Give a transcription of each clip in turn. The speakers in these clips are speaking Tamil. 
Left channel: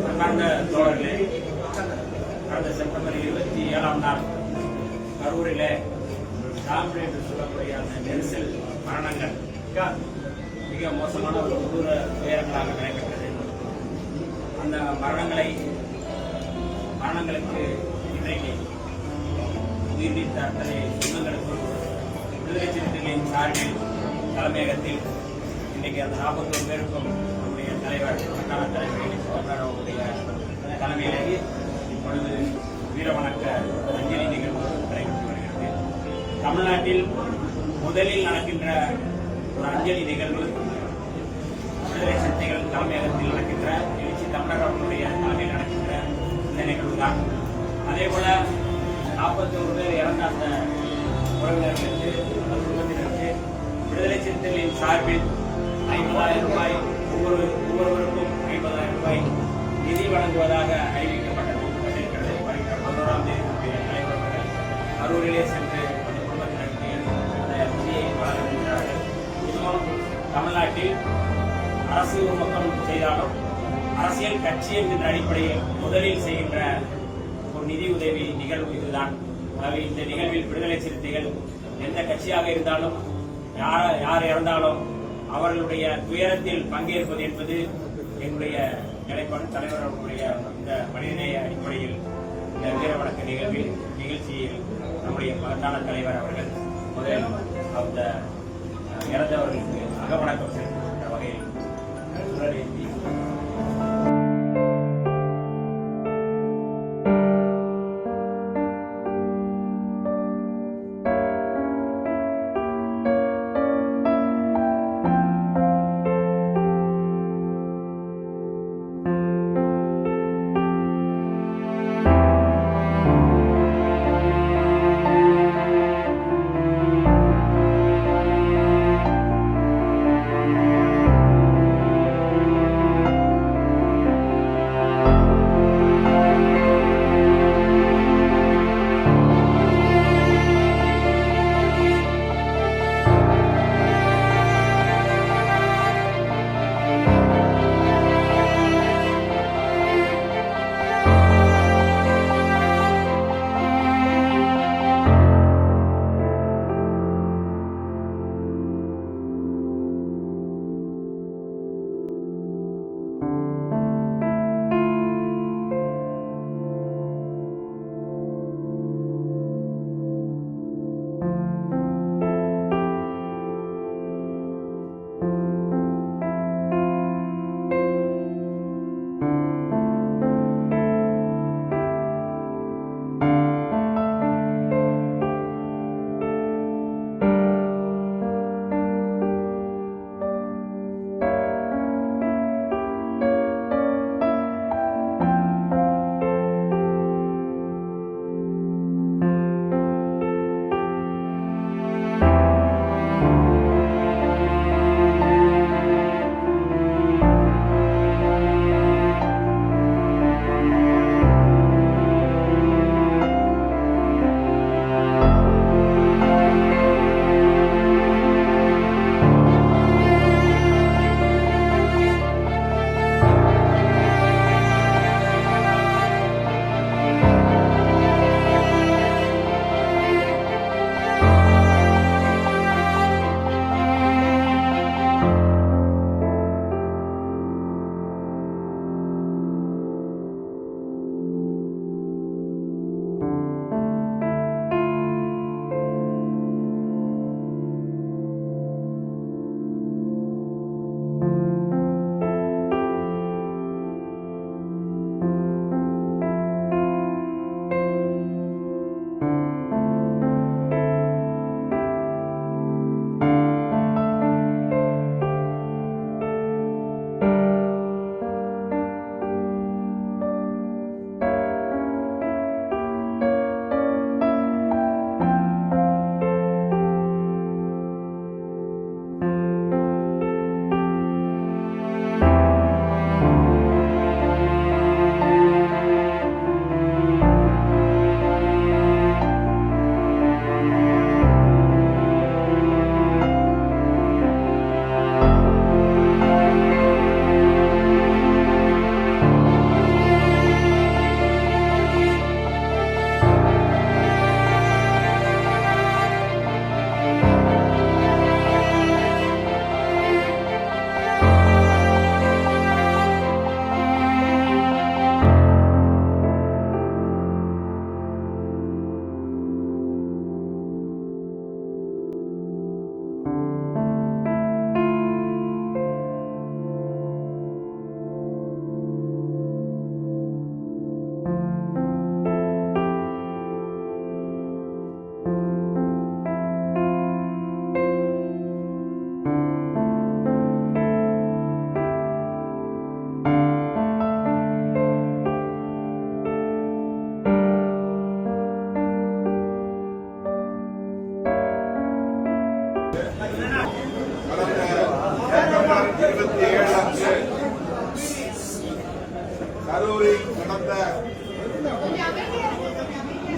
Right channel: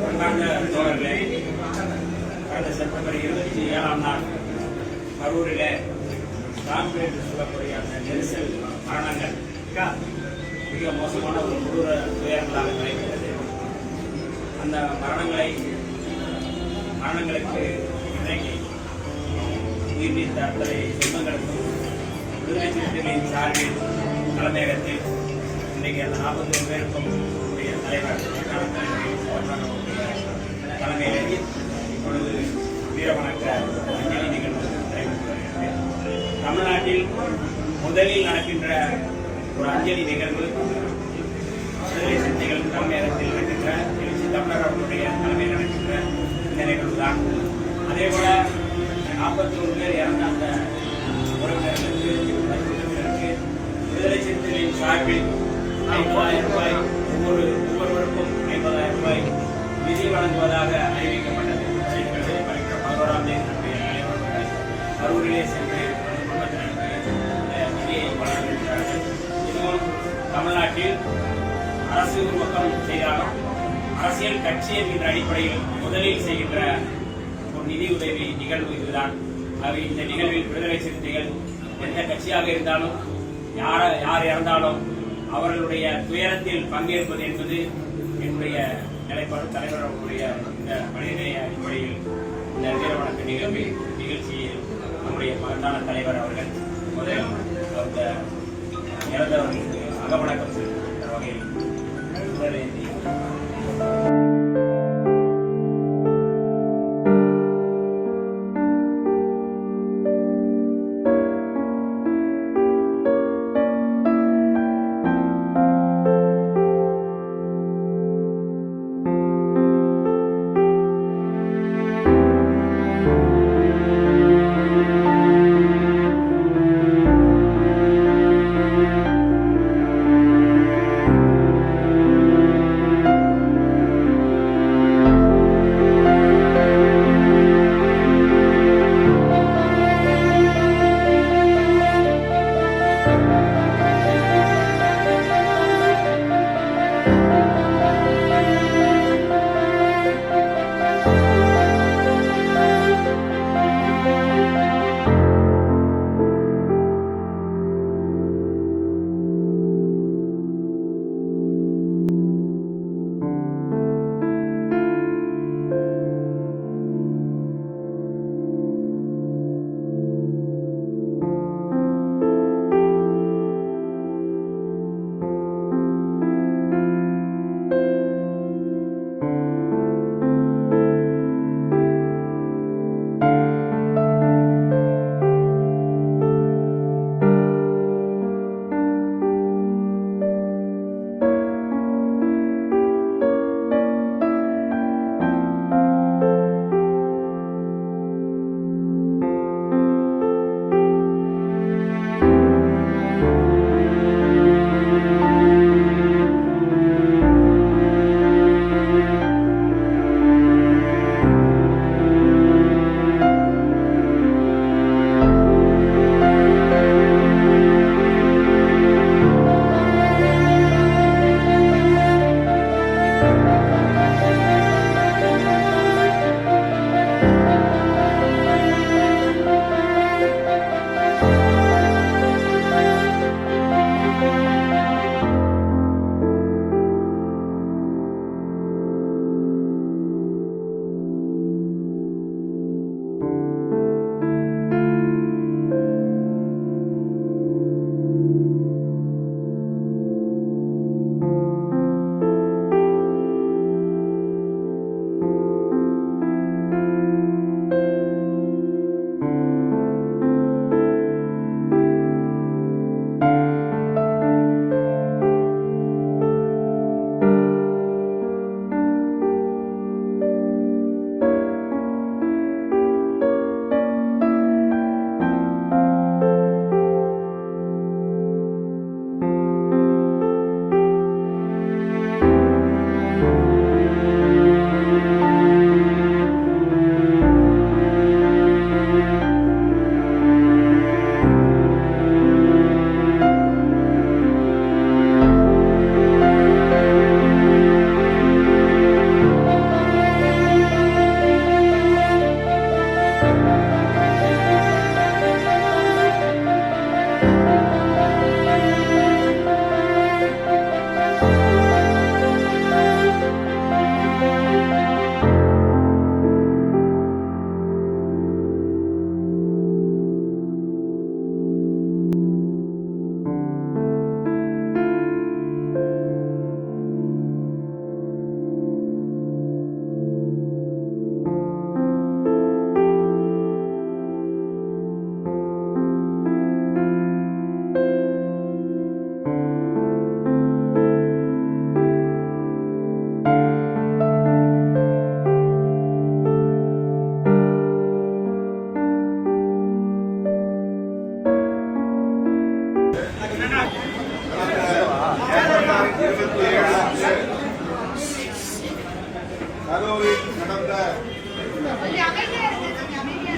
அன்பார்ந்த தோழர்களே கடந்த செப்டம்பர் இருபத்தி ஏழாம் நாள் கரூரில் சாம்பு என்று சொல்லக்கூடிய அந்த நெரிசல் மரணங்கள் மிக- மிக மோசமான ஒரு கொடூர துயரங்களாக நடைபெற்றது அந்த மரணங்களை மரணங்களுக்கு இன்றைக்கு உயிர் நீத்த அத்தனை சொந்தங்களுக்கும் விடுதலை சிறுத்தைகளின் சார்பில் தலைமையகத்தில் இன்றைக்கு அந்த நாற்பத்தோரு பேருக்கும் உடைய தலைவர் மாகாண தலைவர் அவர்களுடைய தலைமையில் இப்பொழுது வீரவணக்க அஞ்சலி நிகழ்வு நடைபெற்று வருகிறது. தமிழ்நாட்டில் முதலில் நடக்கின்ற ஒரு அஞ்சலி நிகழ்வு விடுதலை சிறுத்தைகள் தலைமையகத்தில் நடக்கின்ற எழுச்சி தமிழர் அவர்களுடைய தலைமையில் நடக்கின்ற இந்த நிகழ்வு தான் அதே போல நாற்பத்தோரு பேர் இறந்த அந்த சார்பில் ஐம்பதாயிரம் ரூபாய் ஒவ்வொரு ஒவ்வொருவருக்கும் ஐம்பதாயிரம் ரூபாய் நிதி வழங்குவதாக அறிவிக்கப்பட்டது. பதினோராம் தேதி கரூரிலே சென்று அந்த குடும்பத்தினருக்கு அந்த நிதியை வழங்குகின்றார்கள் இதுவும் தமிழ்நாட்டில் அரசு ஒரு பக்கம் செய்தாலும் அரசியல் கட்சி என்கின்ற அடிப்படையில் முதலில் செய்கின்ற ஒரு நிதி உதவி நிகழ்வு இதுதான். ஆகவே இந்த நிகழ்வில் விடுதலை சிறுத்தைகள் எந்த கட்சியாக இருந்தாலும் யார யார் இறந்தாலும் அவர்களுடைய துயரத்தில் பங்கேற்பது என்பது என்னுடைய நிலைப்பாடு. தலைவர் அவர்களுடைய இந்த மனிதநேய அடிப்படையில் இந்த வீர வணக்க நிகழ்வில் நிகழ்ச்சியில் நம்முடைய மகத்தான தலைவர் அவர்கள் முதலில் அந்த இறந்தவர்களுக்கு அகவணக்கம் செலுத்த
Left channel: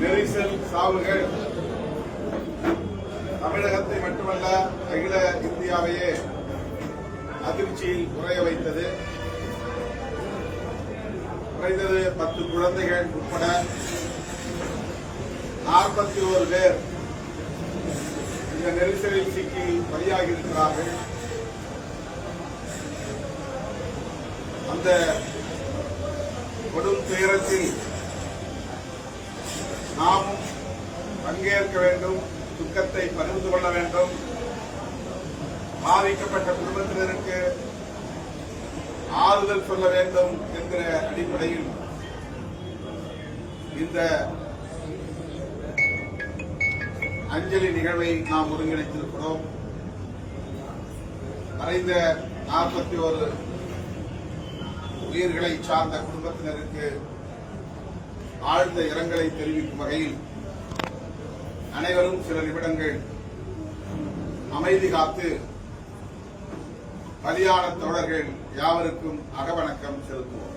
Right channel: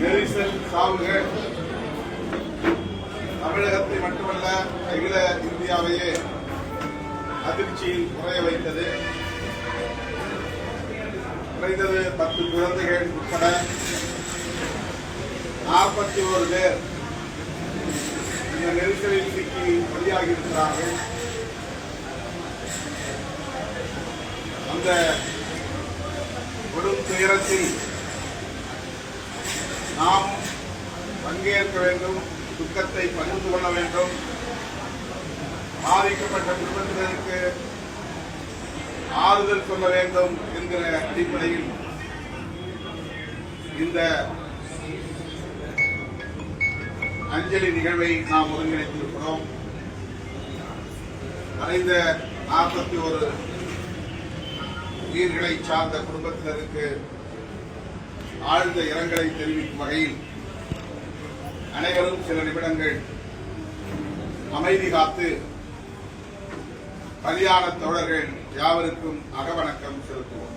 நெரிசல் சாவுகள் தமிழகத்தை மட்டுமல்ல அகில இந்தியாவையே அதிர்ச்சியில் உறைய வைத்தது. குறைந்தது பத்து குழந்தைகள் உட்பட நாற்பத்தி ஒரு பேர் இந்த நெரிசலில் சிக்கி பலியாகி இருக்கிறார்கள் அந்த கொடும் துயரத்தில் நாம் பங்கேற்க வேண்டும் துக்கத்தை பகிர்ந்து கொள்ள வேண்டும். பாதிக்கப்பட்ட குடும்பத்தினருக்கு ஆறுதல் சொல்ல வேண்டும் என்கிற அடிப்படையில் இந்த அஞ்சலி நிகழ்வை நாம் ஒருங்கிணைத்திருக்கிறோம். மறைந்த நாற்பத்தி ஒரு உயிர்களை சார்ந்த குடும்பத்தினருக்கு ஆழ்ந்த இரங்கலை தெரிவிக்கும் வகையில் அனைவரும் சில நிமிடங்கள் அமைதி காத்து பலியான தோழர்கள் யாவருக்கும் அகவணக்கம் செலுத்துவோம்.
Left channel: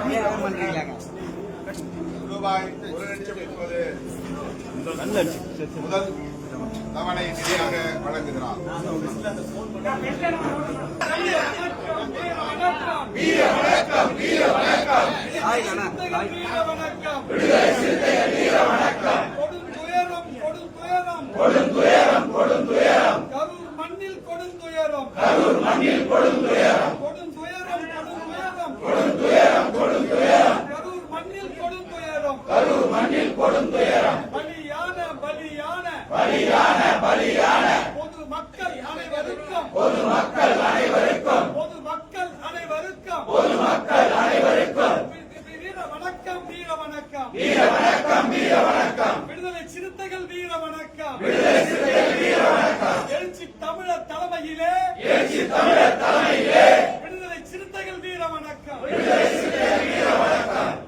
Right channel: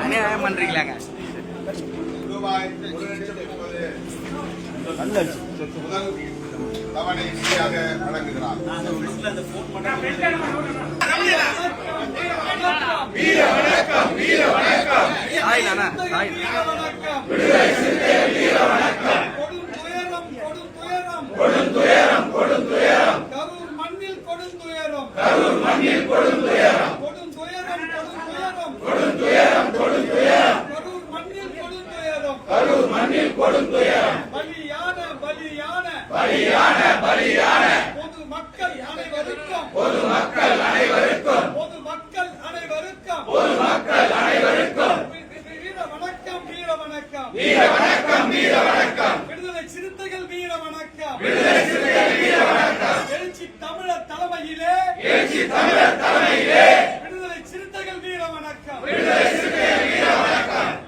அநியாயம் பண்றீங்களாங்க? ரூபாய் ஒரு லட்சம் முதல் தவணை நிதியாக வழங்குகிறார். போன் பண்ணி ஹாய் நானா ஹாய் கொடுந்துயரம் கொடுந்துயரம்